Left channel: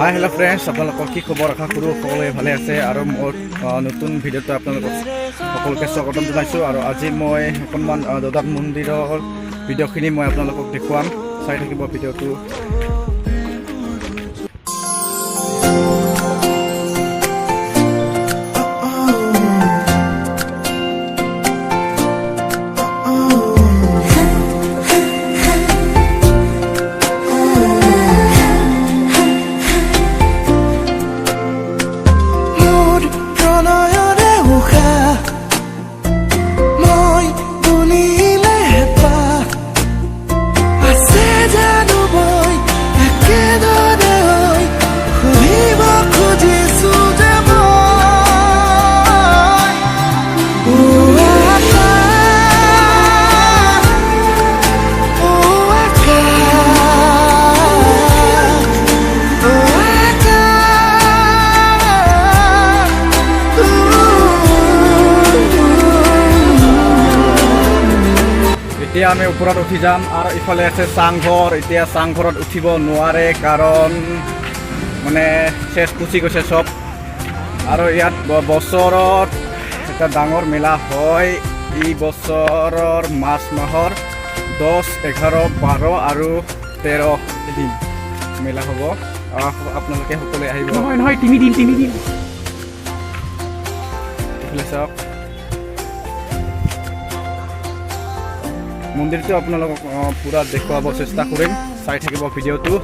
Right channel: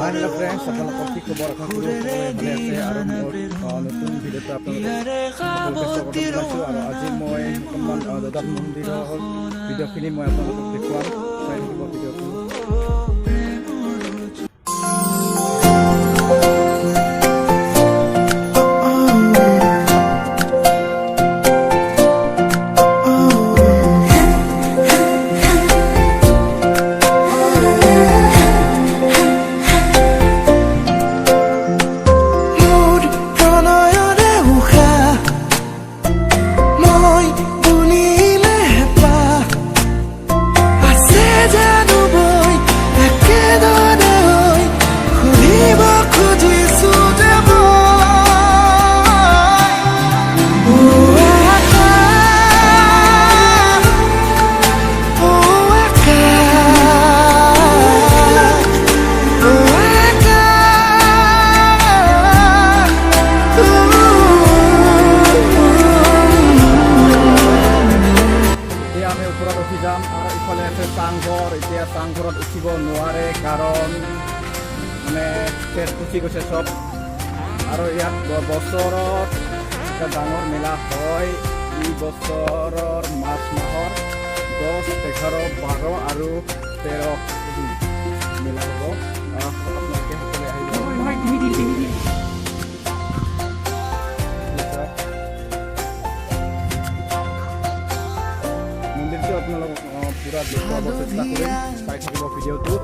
Hi hello' friends, আপোনালোকৰ কি খবৰ? আশা কৰোঁ সকলোৱে ভালে আছে আৰু মোৰ নতুন ভিডিঅ'টো আপোনালোকক সকলোকে স্বাগতম জনাইছোঁ। আৰু আজি মই অকণমান জগন্নাথ মন্দিৰৰ ভিডিঅ'খিনি মই আপোনালোকক দেখুৱাম, চাই থাকিব ভিডিঅ'টো। এতিয়া আমি ওপৰত উঠি যাম আৰু ইফালে আছে চাংঘৰ। এতিয়া চাংঘৰত উঠিব নোৱাৰে কাৰণ মানে চেচ পুচি গৈছে চব। আৰু ইয়াত বছৰত এটা ডাঙৰ মেলা হয়। এই বছৰৰ মাৰ্চ মাহৰ 10, 11, 12 আৰু 13 দিন মেলা হ'ব। আপোনালোকে সকলোৱে আহিব। নহয় 3 দিন চাওক। মন্দিৰটো আপোনালোকক পুৰা দেখুৱাব চেষ্টা কৰিম, চাই থাকিব ভিডিঅ'টো।